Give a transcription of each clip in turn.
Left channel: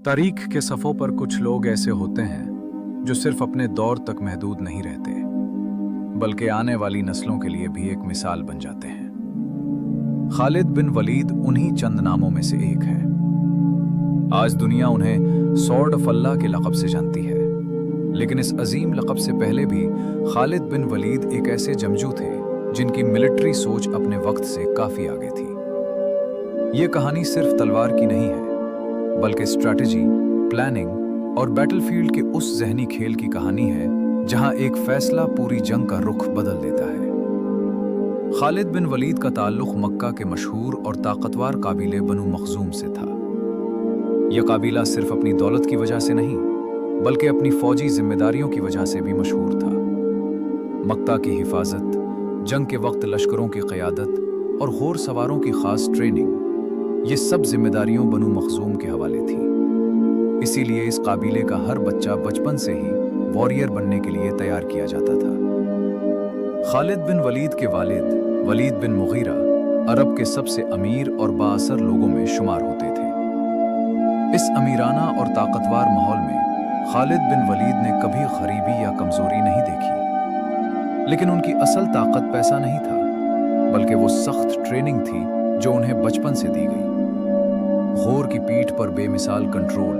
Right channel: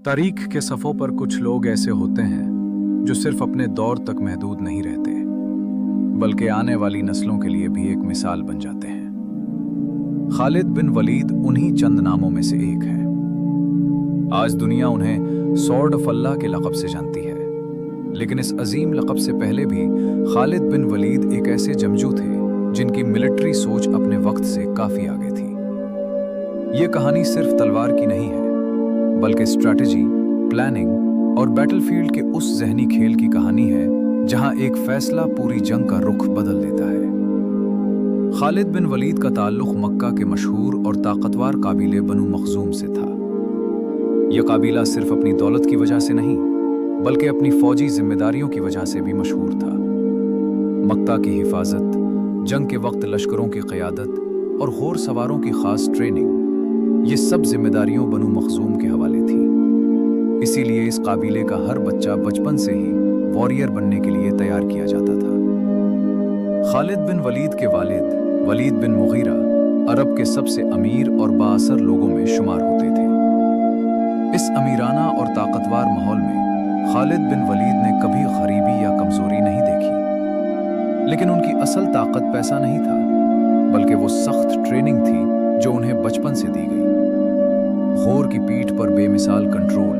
तारीख के सफ़ों पर कुछ लोग ऐसे होते हैं जो सिर्फ अपने दौर तक महदूद नहीं रहते, बल्कि आने वाली नस्लों के लिए भी एक मिसाल बन जाते हैं। खालिद बिन वलीद उन्हीं चंद नामों में से एक है। आज दुनिया उन्हें सॉर्ड ऑफ अल्लाह के लक़ब से जानती है, लेकिन इस अजीम लक़ब से पहले भी खालिद बिन वलीद एक ऐसे जंगजू थे जिनकी मिलिट्री सोच अपने वक्त से काफ़ी आगे थी। ये कहानी सिर्फ तलवार की नहीं है, बल्कि स्ट्रैटेजी, प्लानिंग और बैटलफील्ड के उस ज़हनी खेल की कहानी है जहां एक फैसला पूरी जंग का रुख बदल देता है। खालिद बिन वलीद का ताल्लुक मक्का के मशहूर और ताकतवर काबीले बनु मखजूम से था। यह काबीला सिर्फ अपनी दौलत की वजह से नहीं, बल्कि अपनी फौजी जिम्मेदारियों की वजह से भी मशहूर था। मक्का की हिफाजत, जंग के वक्त लश्करों की क़यादत और घोड़ सवारों की खास ट्रेनिंग, ये सब जिम्मेदारियों बनु मखजूम के हवाले थी। इसीलिए इस काबीले का हर बच्चा बचपन से ही वॉरियर बनने के लिए तैयार किया जाता था। खालिद बिन वलीद के वालिद वलीद बिन मुगीरा अरब के सबसे अमीर और बाअसर लोगों में शुमार होते थे। इस अमीराना और ताकतवर माहौल में खालिद बिन वलीद ने कभी गरीबी या कमजोरी नहीं देखी। लेकिन उनकी असल ताकत पैसा नहीं था, बल्कि वो सख्त ट्रेनिंग थी जो उन्हें बचपन से दी गई। घोर की पीठ पर बेमिसाल कंट्रोल,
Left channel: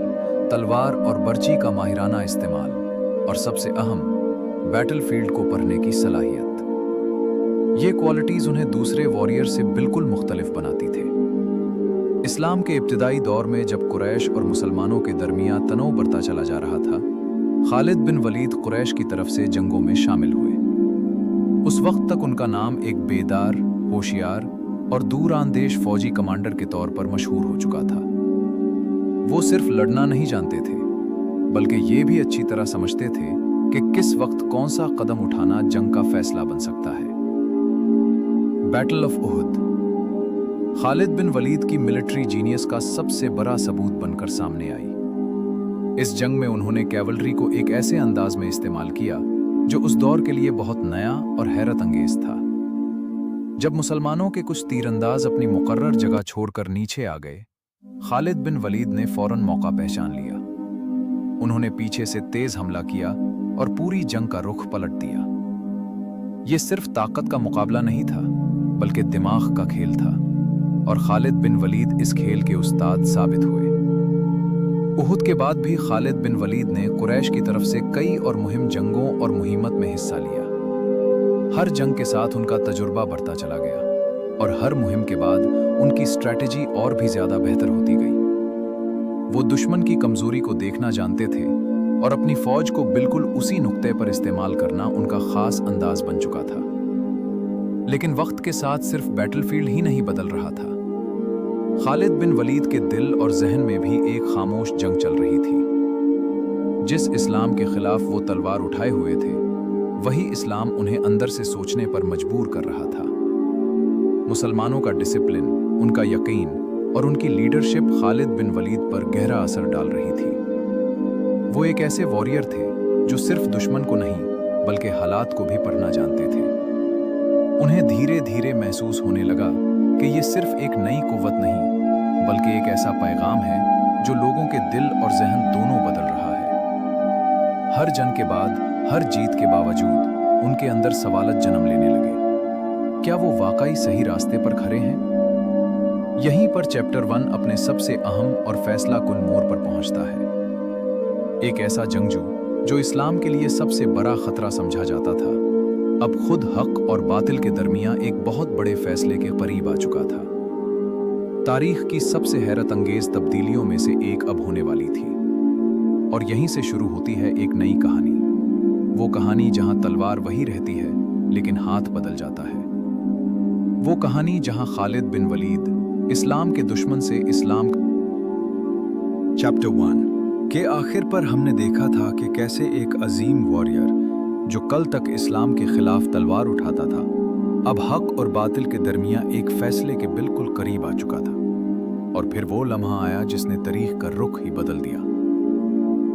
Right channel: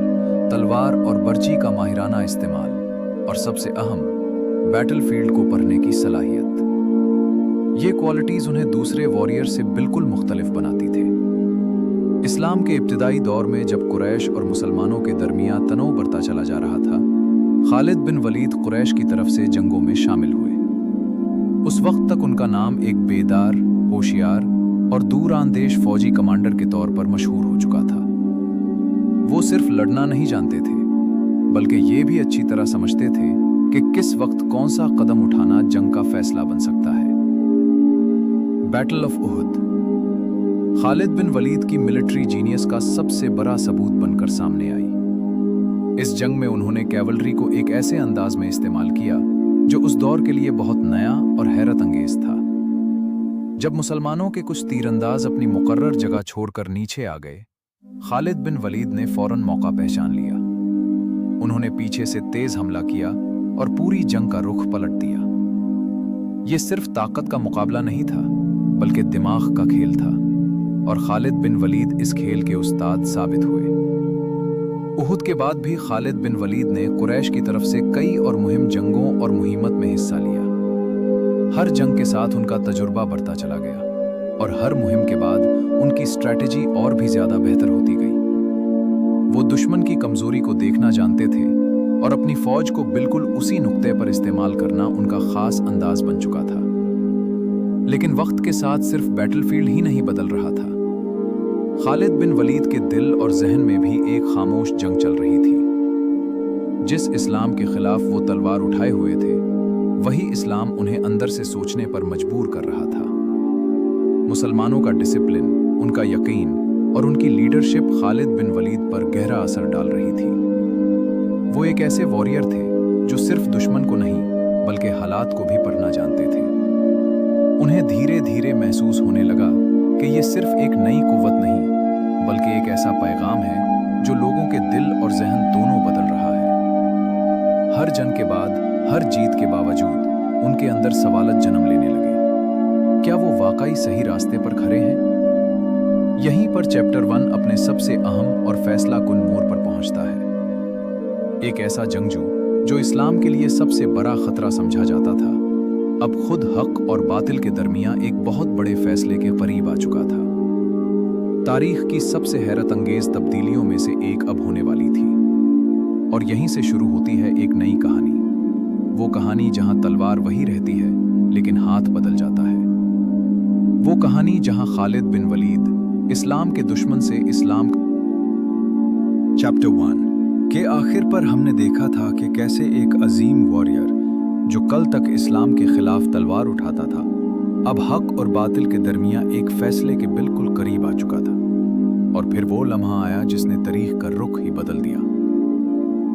तलवार और बर्ची का माहिराना इस्तेमाल और सबसे अहम, बैटलफील्ड को पढ़ने की सलाहियत। ये क्वालिटीज उन्हें दूसरे वॉरियर से बिल्कुल मुख्तलिफ बनाती थे। इस्लाम के इब्तिदाई दौर में जब कुरैश और मुसलमानों के दरमियान तनाव बढ़ता चला जा रहा था, खालिद बिन वलीद कुरैश की तरफ से जंगों में शामिल हुए। उस वक्त तक उनका नाम एक बेदार, होशियार और दूरांदेश फौजी कमांडर के तौर पर मशहूर हो चुका था। वो सिर्फ लड़ना नहीं जानते थे, बल्कि ये भी अच्छी तरह समझते थे कि किस वक्त कौन सा कदम उठाना जंग का फैसला बन सकता है। Battle of उहुद Khalid bin Walid की मिलिट्री जीनियस का सबसे बड़ा सबूत बनकर सामने आई। इस जंग में उन्होंने कैवलरी को एक ऐसे अंदाज में इस्तेमाल किया जो उस दौर के लिए बहुत नया और हैरत अंगेज था। जब मुसलमानों के कुछ तीरंदाज अपनी मुकर्रर जगह छोड़कर नीचे आ गए, खालिद बिन वलीद ने फौरन मौका पहचान लिया। उन्होंने पीछे से तेज हमला किया और पूरी जंग का रुख पलट दिया। यह सिर्फ ताकत का मुकाबला नहीं था, बल्कि दिमाग का खेल था, और खालिद बिन वलीद इस खेल के उस्ताद साबित हुए। उहुद के बाद भी खालिद बिन वलीद ने कुरैश की तरफ से कई और मुहिम जंगों और मुहिम्मत में हिस्सा लिया। हर जंग के साथ उनका तजुर्बा बढ़ता चला गया, और हर मुहिम के बाद उनकी स्ट्रैटेजी और भी ज्यादा बेहतर होती गई। वो दुश्मन की कमजोरी को देखना जानते थे, और अपनी फौज को बिल्कुल उसी नुक्ते पर इस्तेमाल करना उनका खास अंदाज बन चुका था। लेकिन वक्त के साथ सिर्फ बैटलफील्ड ही नहीं बदल रहा था। खालिद बिन वलीद के दिल और जहन में भी एक खामोश जंग चल रही थी। जिस इस्लाम के खिलाफ वो तलवार उठाए हुए थे, वही इस्लाम उन्हें अंदर से सोचने पर मजबूर कर रहा था। मुसलमानों का डिसिप्लिन, उनका यकीन और उनकी लीडरशिप खालिद बिन वलीद पर गहरा असर डाल रही थी। वो एक ऐसे वॉरियर थे जो सिर्फ दुश्मन को नहीं, बल्कि हालात को भी पढ़ना जानते थे। उन्हें धीरे धीरे महसूस होने लगा कि ये सिर्फ एक नई कुव्वत नहीं, बल्कि एक ऐसा पैगाम है जो लोगों के दिल और जहन दोनों बदल रहा है। हर जंग के बाद, हर जीत के बावजूद उनके अंदर सवालत जन्म लेने लगे। क्या वो वाकई सही रास्ते पर खड़े हैं? यहीं पर चैप्टर 1 अपने सबसे अहम और फैसला कुन मोड़ पर पहुंचता है। एक ऐसा जंगजू जो इस्लाम के लिए सबसे बड़ा खतरा समझा जाता था, अब खुद हक और बातिल के दरमियान एक बहुत बड़े फैसले के करीब आ चुका था। तारीख की सबसे हैरत अंगेज तब्दीलियों में से एक अब होने वाली थी, और यहीं से शुरू होती है एक नई कहानी। वो कहानी जहां तलवार वही रहती है, लेकिन हाथ बदल जाता है। वो कहानी जहां खालिद बिन वलीद इस्लाम के दुश्मन से इस्लाम। चैप्टर 1 के आखिर पर हमने देखा था कि कैसे एक अजीम वॉरियर जो कल तक इस्लाम के खिलाफ तलवार उठाता था, अब हक और बातिल के दरमियान एक फैसले के बिल्कुल करीब आ चुका था। और फिर वो लम्हा आया जिसने तारीख का रुख ही बदल दिया।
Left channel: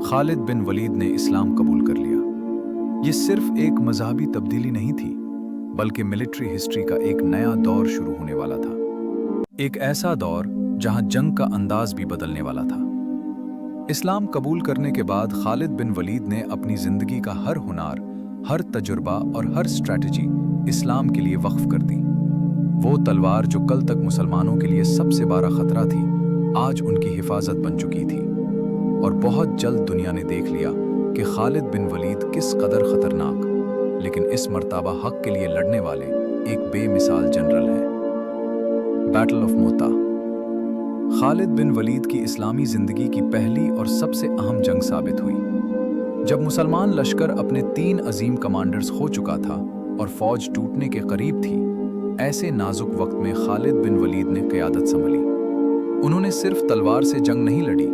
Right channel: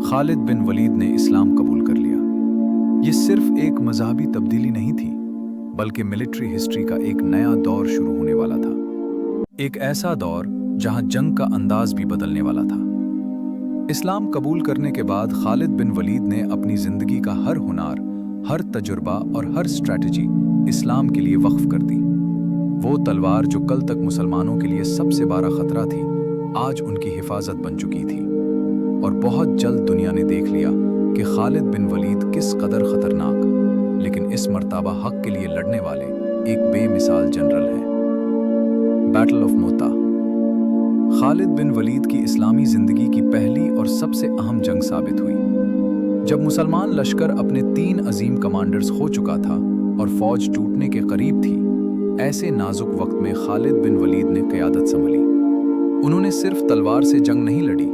खालिद बिन वलीद ने इस्लाम कबूल कर लिया। ये सिर्फ एक मजहबी तब्दीली नहीं थी, बल्कि मिलिट्री हिस्ट्री का एक नया दौर शुरू होने वाला था। एक ऐसा दौर जहां जंग का अंदाज भी बदलने वाला था। इस्लाम कबूल करने के बाद खालिद बिन वलीद ने अपनी जिंदगी का हर हुनर, हर तजुर्बा और हर स्ट्रैटेजी इस्लाम के लिए वक्फ कर दी। वो तलवार जो कल तक मुसलमानों के लिए सबसे बड़ा खतरा थी, आज उनकी हिफाजत बन चुकी थी। और बहुत जल्द दुनिया ने देख लिया कि खालिद बिन वलीद किस कदर खतरनाक, लेकिन इस मर्तबा हक के लिए लड़ने वाले एक बेमिसाल जनरल हैं। Battle of Mutah. Khalid bin Walid की इस्लामी जिंदगी की पहली और सबसे अहम जंग साबित हुई। जब मुसलमान लश्कर अपने 3 अजीम कमांडर्स खो चुका था और फौज टूटने के करीब थी, ऐसे नाजुक वक्त में खालिद बिन वलीद ने क़यादत संभली। उन्होंने सिर्फ तलवार से जंग नहीं लड़ी,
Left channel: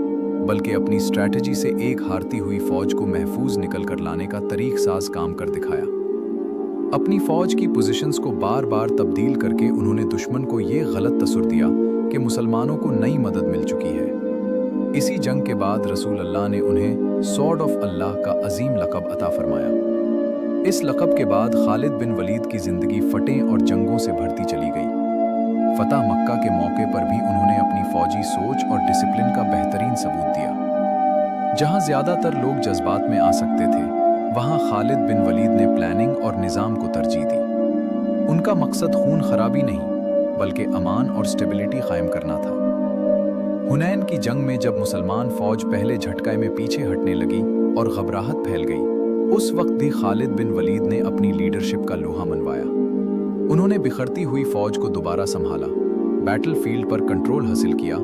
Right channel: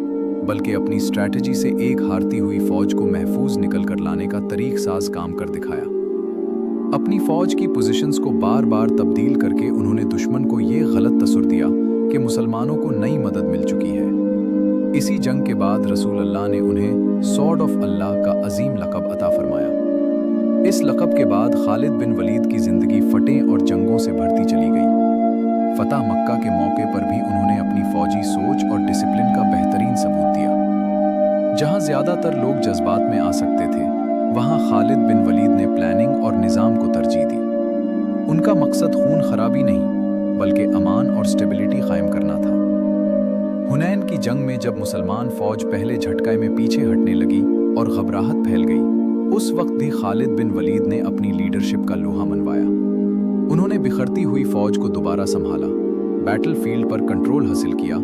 बल्कि अपनी स्ट्रैटेजी से एक हारती हुई फौज को महफूज निकल कर लाने का तरीक साज काम कर दिखाया। अपनी फौज की पोजीशंस को बार बार तब्दील करके उन्होंने दुश्मन को ये गलत तसुर दिया कि मुसलमानों को नई मदद मिल चुकी है। इसी जंग के बाद रसूल अल्लाह ने उन्हें सॉर्ड ऑफ अल्लाह का अजीम लक़ब अता फरमाया। इस लक़ब के बाद खालिद बिन वलीद की जिंदगी फतेह और जंगों से भरती चली गई। फतह मक्का के मौके पर भी उन्होंने अपनी फौजी सोच और डिसिप्लिन का बेहतरीन सबूत दिया। जहां ज्यादातर लोग जज्बात में आ सकते थे, वहां खालिद बिन वलीद ने प्लानिंग और निज़ाम को तरजीह दी। उनका मकसद खून खराबी नहीं, बल्कि अमान और स्टेबिलिटी कायम करना था। हुनैन की जंग में जब मुसलमान फौज पहले झटके में पीछे हटने लगी और घबराहट फैल गई, उस वक्त भी खालिद बिन वलीद ने अपनी लीडरशिप का लोहा मनवाया। उन्होंने बिखरती हुई फौज को दोबारा संभाला, बैटलफील्ड पर कंट्रोल हासिल किया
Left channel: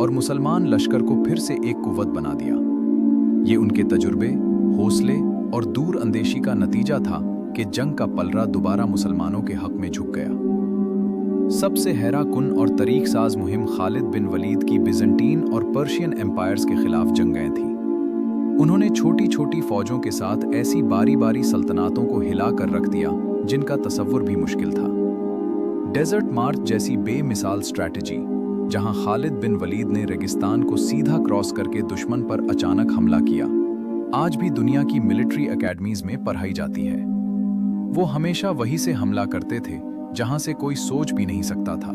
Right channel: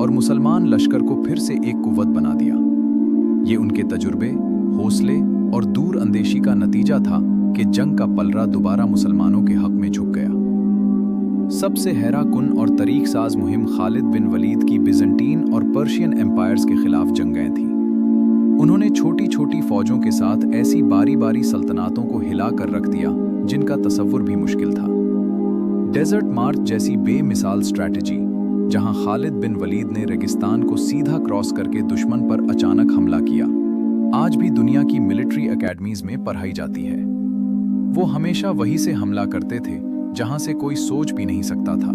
और मुसलमान लश्कर को फिर से एक कुव्वत बना दिया। ये उनके तजुर्बे, हौसले और दूर अंदेशी का नतीजा था कि जंग का पलड़ा दोबारा मुसलमानों के हक में झुक गया। सबसे हैराकुन और तरीक साज मुहिम खालिद बिन वलीद की बिजंटीन और पर्शियन एम्पायर्स के खिलाफ जंगें थीं। उन्होंने छोटी छोटी फौजों के साथ ऐसी बारी बारी सल्तनतों को हिला कर रख दिया जिनका तसव्वुर भी मुश्किल था। डेजर्ट मार्च जैसी बेमिसाल स्ट्रैटेजी, जहां खालिद बिन वलीद ने रेगिस्तान को सीधा क्रॉस करके दुश्मन पर अचानक हमला किया, आज भी दुनिया की मिलिट्री एकेडमीज में पढ़ाई जाती है। वो हमेशा वहीं से हमला करते थे जहां से कोई सोच भी नहीं सकता था।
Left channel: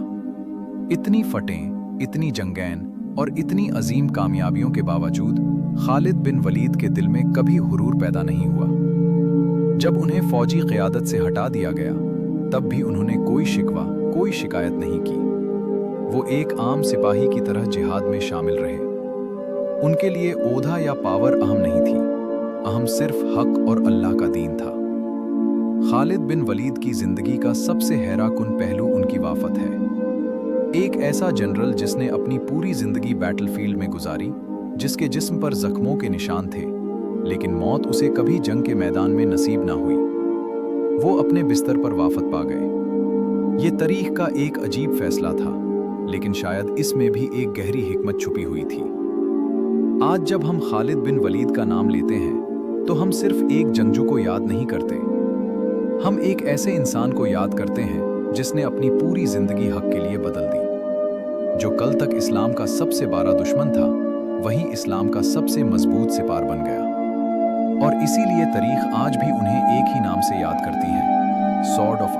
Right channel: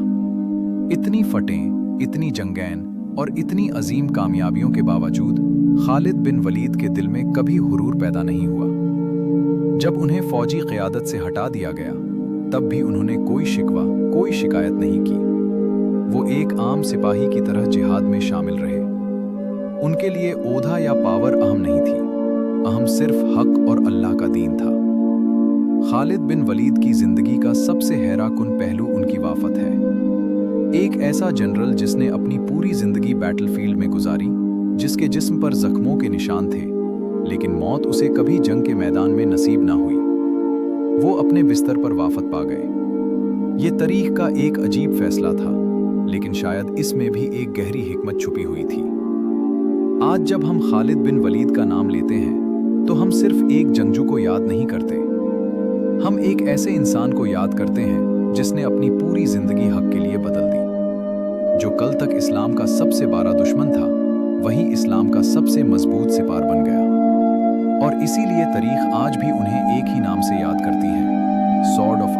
इतनी फतेह, इतनी जंगैन और इतनी अजीम कामयाबियों के बावजूद खालिद बिन वलीद के दिल में कभी हुरूर पैदा नहीं हुआ। जब उन्हें फौजी क़यादत से हटा दिया गया, तब भी उन्होंने कोई शिकवा, कोई शिकायत नहीं की। वो एक आम सिपाही की तरह जिहाद में शामिल रहे। उनके लिए ओहदा या पावर अहम नहीं थी, अहम सिर्फ हक और अल्लाह का दीन था। खालिद बिन वलीद की जिंदगी का सबसे हैराकुन पहलू उनकी वाफत है। एक ऐसा जनरल जिसने अपनी पूरी जिंदगी बैटलफील्ड में गुजारी, जिसके जिस्म पर जख्मों के निशान थे, लेकिन मौत उसे कभी जंग के मैदान में नसीब ना हुई। वो अपने बिस्तर पर वाफत पा गए। ये तारीख का एक अजीब फैसला था, लेकिन शायद इसमें भी एक गहरी हिकमत छुपी हुई थी। आज जब हम खालिद बिन वलीद का नाम लेते हैं, तो हम सिर्फ एक जंगजू को याद नहीं करते, हम एक ऐसे इंसान को याद करते हैं जिसने अपनी पूरी जिंदगी हक के लिए बदल दी। जो कल तक इस्लाम का सबसे बड़ा दुश्मन था, वही इस्लाम का सबसे मजबूत सिपार बन गया। और इसीलिए तारीख आज भी उन्हें एक ही नाम से याद करती है, सॉर्ड ऑफ